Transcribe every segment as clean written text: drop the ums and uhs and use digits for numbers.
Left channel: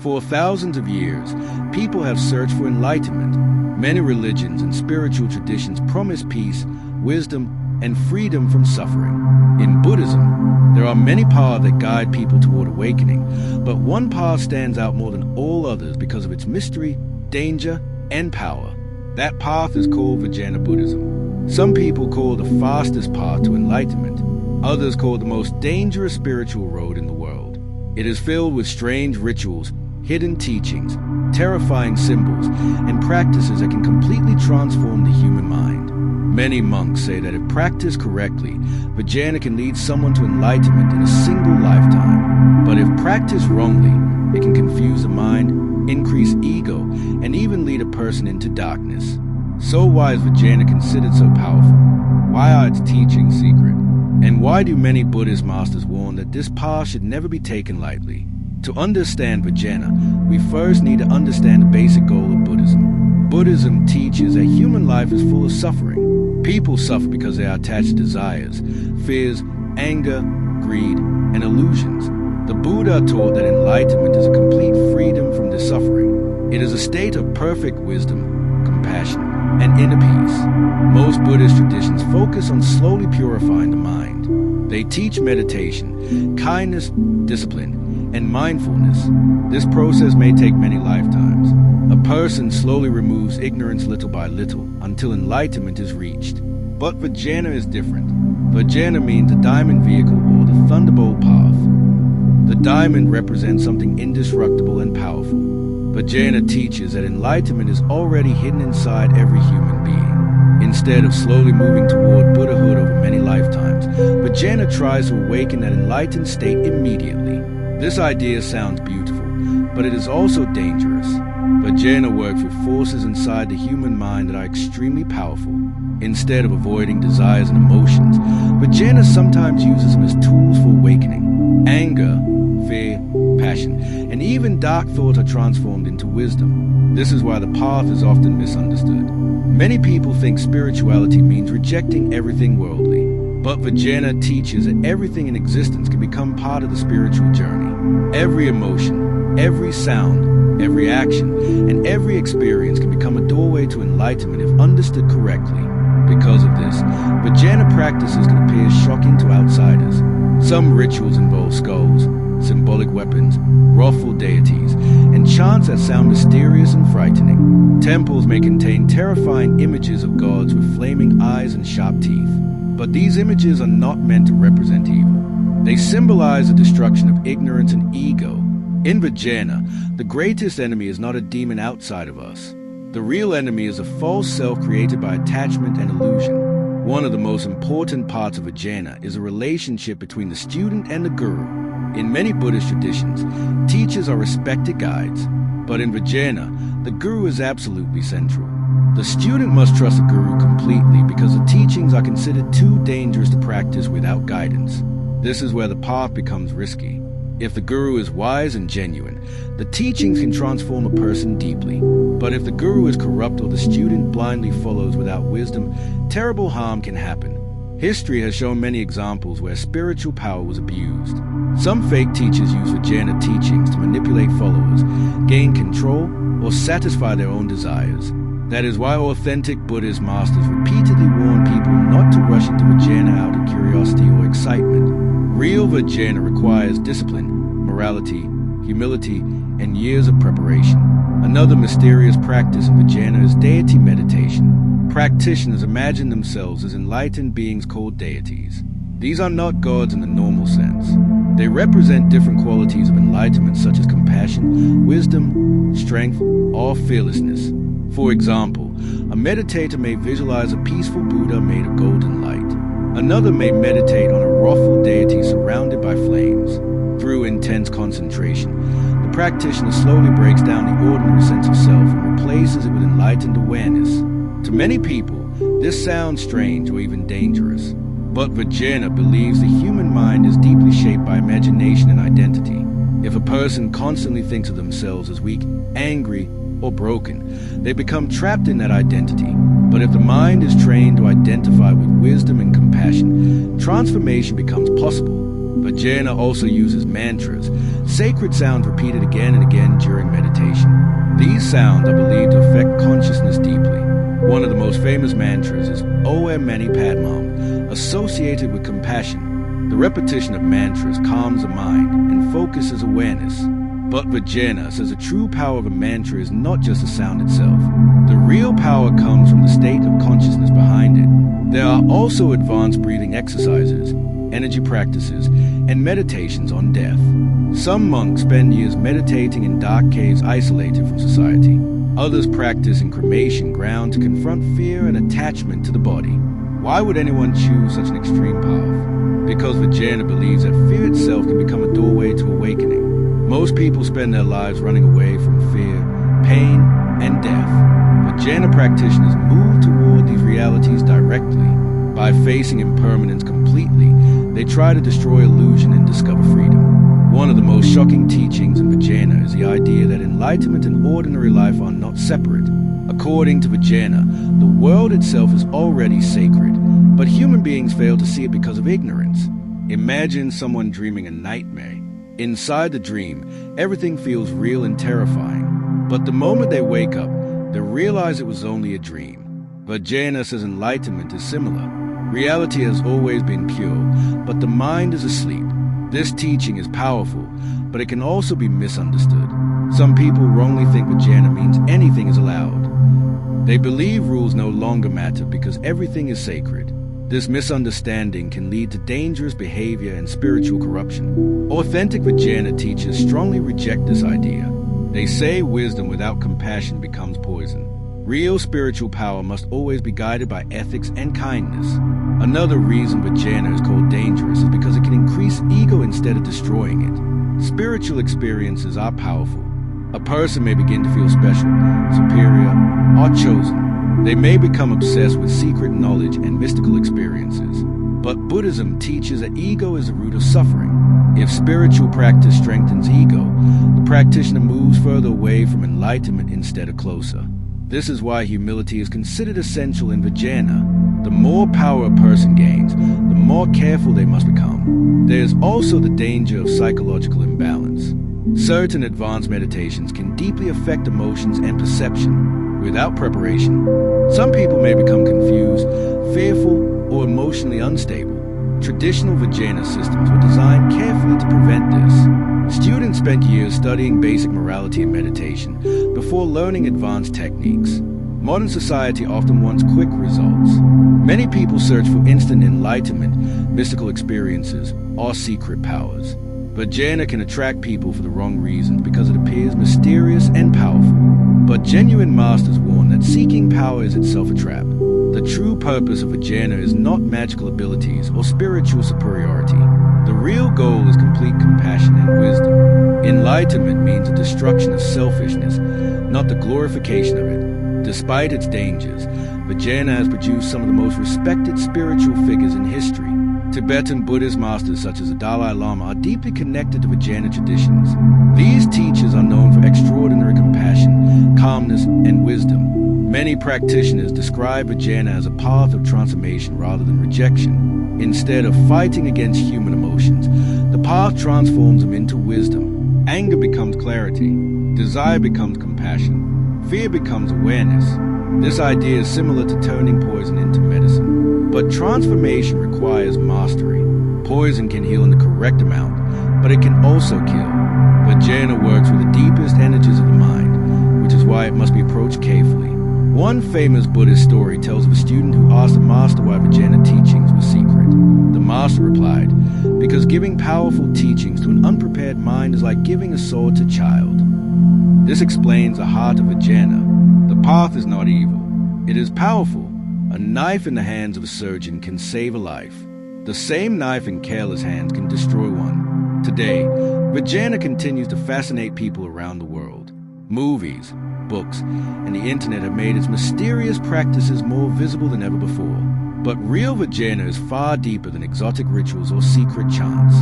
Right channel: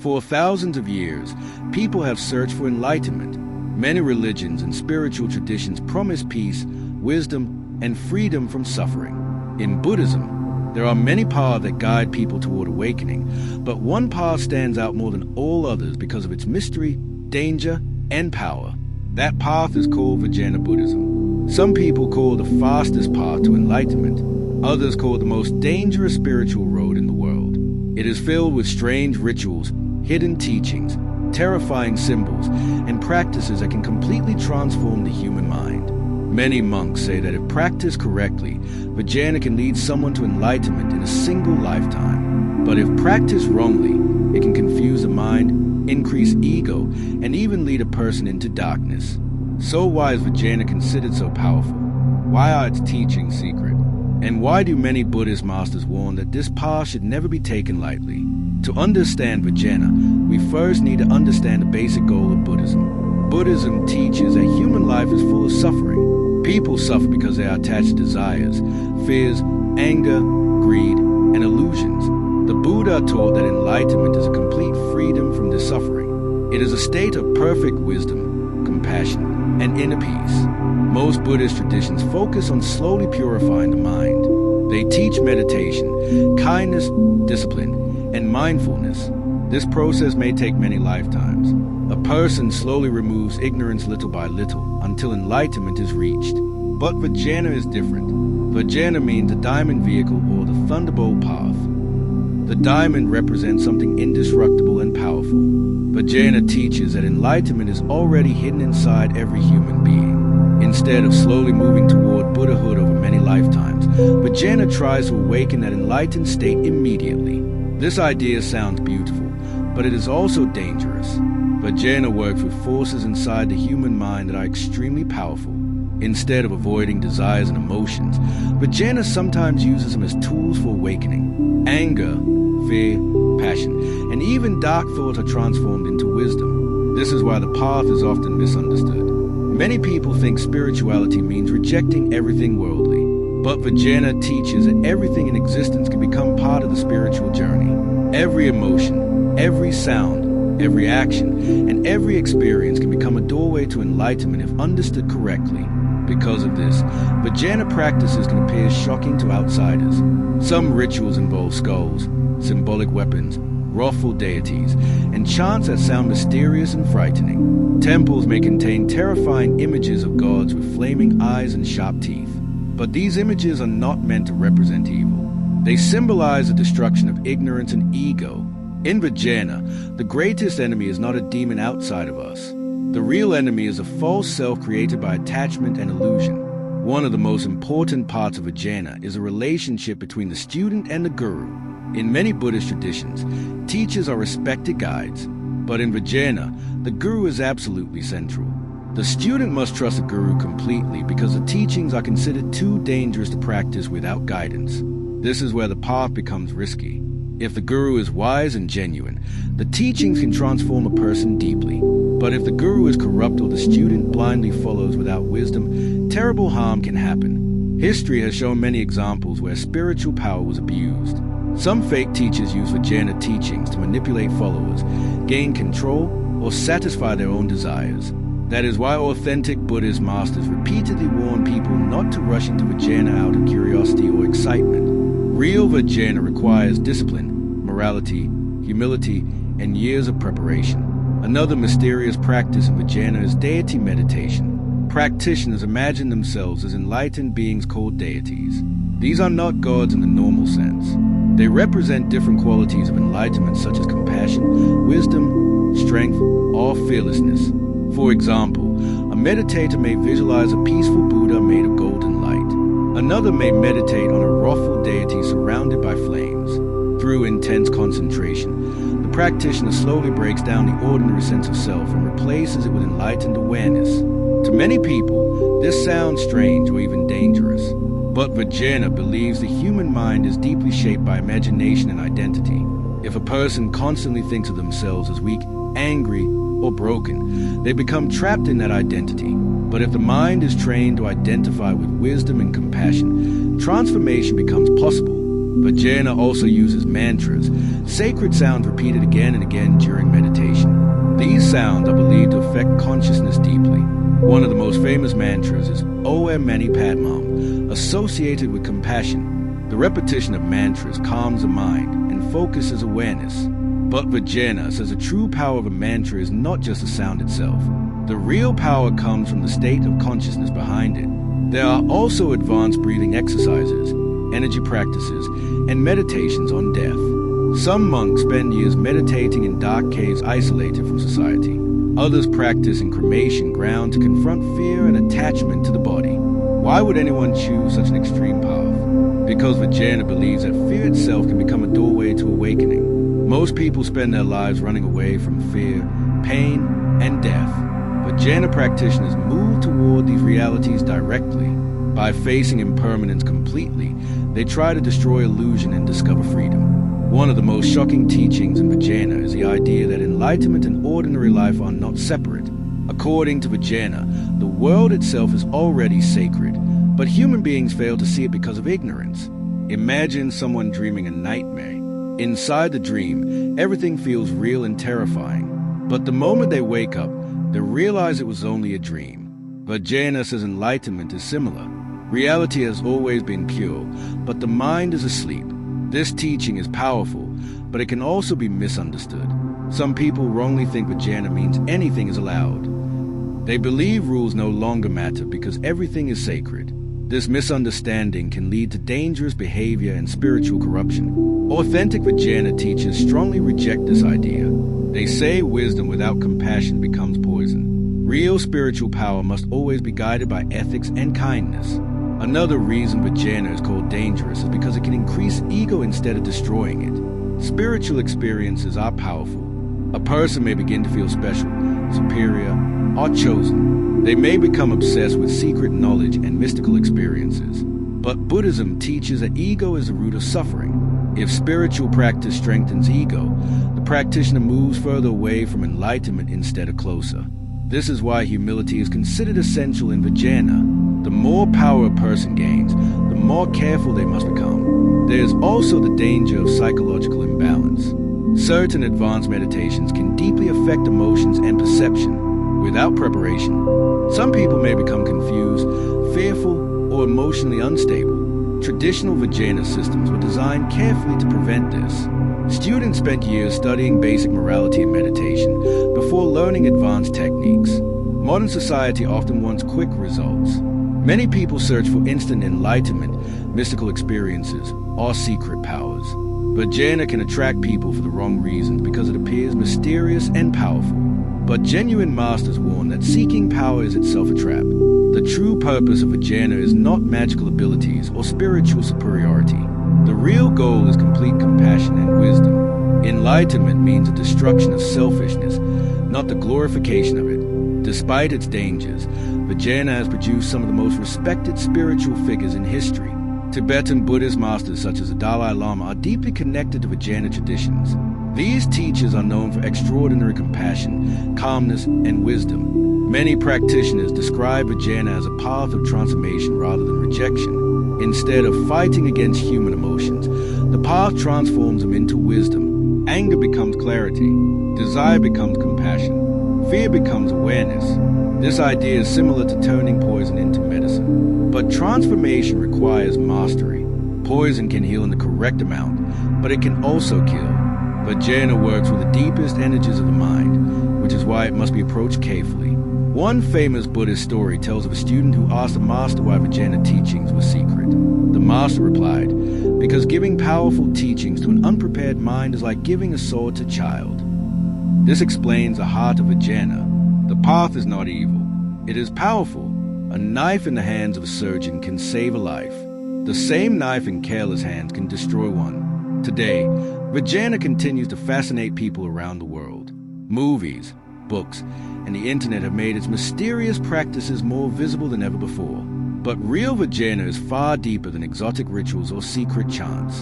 For thousands of years, people have searched for enlightenment. Many religions and spiritual traditions promise peace, wisdom, and freedom from suffering. In Buddhism, there are many paths that guide people toward awakening, but one path stands out more than all others because of its mystery, danger, and power. That path is called Vajrayana Buddhism. Some people call it the fastest path to enlightenment. Others call it the most dangerous spiritual road in the world. It is filled with strange rituals, hidden teachings, terrifying symbols, and practices that can completely transform the human mind. Many monks say that if practiced correctly, Vajrayana can lead someone to enlightenment in a single lifetime. But if practiced wrongly, it can confuse the mind, increase ego, and even lead a person into darkness. So why is Vajrayana considered so powerful? Why are its teachings secret? And why do many Buddhist masters warn that this path should never be taken lightly? To understand Vajrayana, we first need to understand the basic goal of Buddhism. Buddhism teaches that human life is full of suffering. People suffer because they are attached to desires, fears, anger, greed, and illusions. The Buddha taught that enlightenment is a complete freedom from this suffering. It is a state of perfect wisdom, compassion, and inner peace. Most Buddhist traditions focus on slowly purifying the mind. They teach meditation, kindness, discipline, and mindfulness. This process may take many lifetimes. A person slowly removes ignorance little by little until enlightenment is reached. But Vajrayana is different. Vajrayana means the diamond vehicle or the thunderbolt path. The diamond represents something indestructible and powerful. Vajrayana teaches that enlightenment is already hidden inside every human being. Instead of slowly moving toward Buddhahood over many lifetimes, Vajrayana tries to awaken that enlightened state immediately. This idea sounds beautiful, but it is also dangerous. Vajrayana works with forces inside the human mind that are extremely powerful. Instead of avoiding desires and emotions, Vajrayana sometimes uses them as tools for awakening. Anger, fear, passion, and even dark thoughts are transformed into wisdom. This is why the path is often misunderstood. Many people think spirituality means rejecting everything worldly, but Vajrayana teaches that everything in existence can become part of the spiritual journey. Every emotion, every sound, every action, and every experience can become a doorway to enlightenment if understood correctly. Because of this, Vajrayana practices can appear shocking to outsiders. Some rituals involve skulls, symbolic weapons, wrathful deities, and chants that sound mysterious and frightening. Temples may contain terrifying images of gods with flaming eyes and sharp teeth. But these images are not meant to represent evil. They symbolize the destruction of ignorance and ego. In Vajrayana, the greatest enemy is not a demon outside of us. The real enemy is a false self created by attachment and illusion. One of the most important parts of Vajrayana is a relationship between the student and the guru. In many Buddhist traditions, teachers are respected guides, but in Vajrayana, the guru is absolutely central. The student must trust the guru completely because the teachings are considered too dangerous to practice without guidance. This is where the path becomes risky. If the guru is wise and genuine, the teachings can transform a person deeply. But if the guru is corrupt or the student blindly follows without wisdom, terrible harm can happen. History has shown many examples where spiritual power was abused. Some fake teachers use Vajrayana teachings to manipulate followers, gain control, or satisfy their own desires. That is why authentic Buddhist masters repeatedly warn people not to rush into Vajrayana out of curiosity or excitement. Real Vajrayana requires discipline, morality, humility, and years of preparation. Another mysterious practice in Vajrayana is deity meditation. Practitioners imagine themselves as enlightened beings called deities. These are not gods in the normal sense. They represent different qualities of enlightenment such as compassion, wisdom, strength, or fearlessness. For example, a meditator may visualize a peaceful Buddha made of golden light. Another may meditate on a wrathful deity surrounded by flames. Through intense concentration, the practitioner slowly breaks down the ordinary sense of self and replaces it with enlightened awareness. To many people, this sounds strange or even dangerous. But Vajrayana believes the human mind is deeply shaped by imagination and identity. If a person constantly thinks of themselves as weak, angry, or broken, they become trapped in that identity. But if the mind is trained to identify with wisdom and compassion, transformation becomes possible. Vajrayana also uses mantras, sacred sounds repeated again and again during meditation. These sounds are believed to affect consciousness deeply. One of the most famous mantras is Om Mani Padmam, associated with compassion. The repetition of mantras calms the mind and focuses awareness. But Vajrayana says the true power of a mantra is not just the sound itself. The real power comes from the state of consciousness behind it. There are also advanced breathing exercises, energy practices, and meditations on death. Some monks spend years meditating in dark caves isolated from society. Others practice in cremation ground to confront fear and attachment to the body. Why would anyone choose such an extreme path? Because Vajrayana believes that fear itself can become a doorway to awakening. Most people spend their lives running away from fear, pain, and death. Vajrayana practitioners move toward these realities directly. By facing impermanence completely, they try to destroy illusion and discover freedom. One of the most shocking teachings in Vajrayana is the idea that enlightenment and ordinary life are not separate. According to Vajrayana, the world itself is already sacred, but human beings fail to see it because of ignorance. Imagine someone dreaming a nightmare. Inside the dream, everything feels real and terrifying. But the moment they wake up, they realize it was only a dream. Vajrayana says enlightenment is similar. Reality has always been pure, but the mind is asleep. This teaching is powerful, but it can also be misunderstood. Some people wrongly think Vajrayana means anything is allowed. They believe rules no longer matter because everything is sacred. This misunderstanding can lead to dangerous behavior and spiritual corruption. Authentic Vajrayana teachers strongly reject this idea. They say wisdom without compassion becomes poison. Real spiritual power must always be guided by ethics and kindness. Another reason Vajrayana is called dangerous is because it can increase ego instead of destroying it. Spiritual experiences are powerful. A person may begin to feel special, superior, or chosen. They may become obsessed with secret knowledge and mystical experiences. But Buddhism teaches that ego is the root of suffering. If spiritual practice strengthens ego, the practitioner moves further away from enlightenment instead of closer. This is why humility is considered essential in Vajrayana. The more power a person gains, the more careful they must become. There is also the danger of psychological imbalance. Certain advanced meditations can deeply affect emotions and perception. Without preparation, some people may become confused, fearful, or emotionally unstable. Traditional Vajrayana systems were designed carefully to prevent this. Students spent years studying basic morality and meditation before learning advanced techniques. Modern society often wants quick results. Many people search for instant enlightenment, mystical experiences, or secret powers. Vajrayana can attract people for the wrong reasons because it appears mysterious and powerful. But genuine masters warn that seeking power is itself a trap. The true purpose of Vajrayana is not magical abilities or spiritual superiority. The real goal is complete compassion and wisdom. Enlightenment means the destruction of selfishness, not the glorification of it. Despite its dangers, Vajrayana has produced some of the most respected spiritual figures in history. Tibetan Buddhist masters such as the Dalai Lama are deeply connected to Vajrayana traditions. These teachers are known for extraordinary compassion, calmness, and wisdom. Many practitioners describe Vajrayana as a path of transformation rather than rejection. Instead of fighting against human emotions, the path transforms them into wisdom. Anger becomes clarity. Desire becomes compassion. Fear becomes awareness. This idea is similar to turning poison into medicine. But transformation requires mastery. Poison can heal in the correct amount, but it can also kill. Vajrayana works with the deepest energies of the mind, which is why it must be approached carefully. One famous Buddhist story tells of a student who asked the master why Vajrayana teachings were secret. The master replied, "Because giving powerful teachings to an unprepared mind is like giving a sword to a child." This explains the heart of Vajrayana. The path is not evil. It is powerful. A knife in the hands of a surgeon can save a life. The same knife in careless hands can destroy one. Today, Vajrayana continues to fascinate people around the world. Movies, books, and the internet have made its mysterious practices more visible than ever before. But real Vajrayana is far deeper than exotic rituals or secret chants.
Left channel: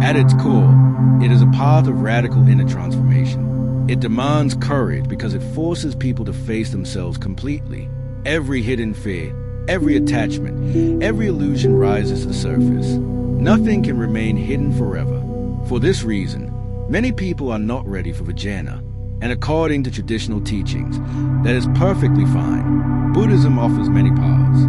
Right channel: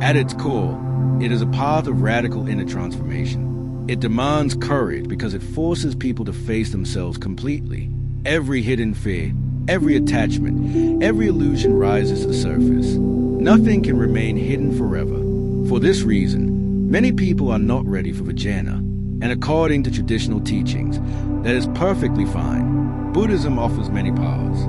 At its core, it is a path of radical inner transformation. It demands courage because it forces people to face themselves completely. Every hidden fear, every attachment, every illusion rises to the surface. Nothing can remain hidden forever. For this reason, many people are not ready for Vajrayana, and according to traditional teachings, that is perfectly fine. Buddhism offers many paths.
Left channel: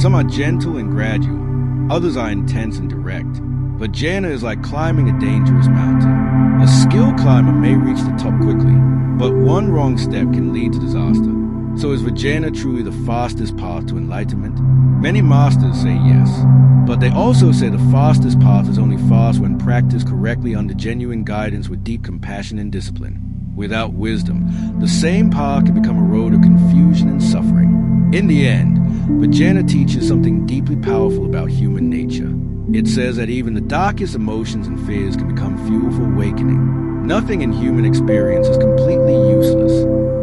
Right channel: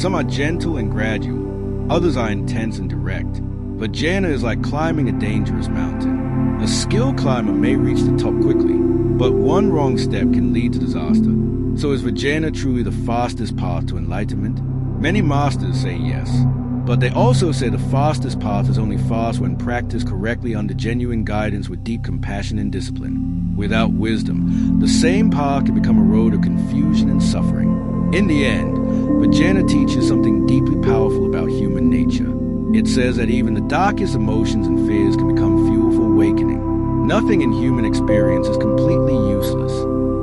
Some are gentle and gradual, others are intense and direct. Vajrayana is like climbing a dangerous mountain. A skilled climber may reach the top quickly, but one wrong step can lead to disaster. So is Vajrayana truly the fastest path to enlightenment? Many masters say yes, but they also say the fastest path is only fast when practiced correctly under genuine guidance with deep compassion and discipline. Without wisdom, the same path can become a road of confusion and suffering. In the end, Vajrayana teaches something deeply powerful about human nature. It says that even the darkest emotions and fears can become fuel for awakening. Nothing in human experience is completely useless.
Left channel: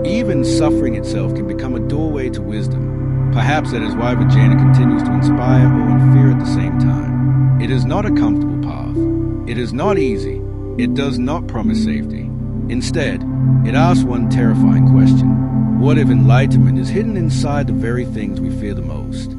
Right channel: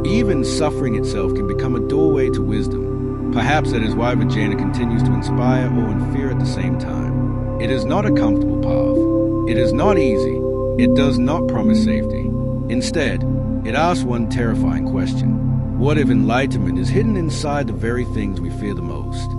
Even suffering itself can become a doorway to wisdom. Perhaps that is why Vajrayana continues to inspire, awe, and fear at the same time. It is not a comfortable path. It is not easy. It does not promise safety. Instead, it asks one terrifying question. What if enlightenment is hidden inside the very things we fear the most?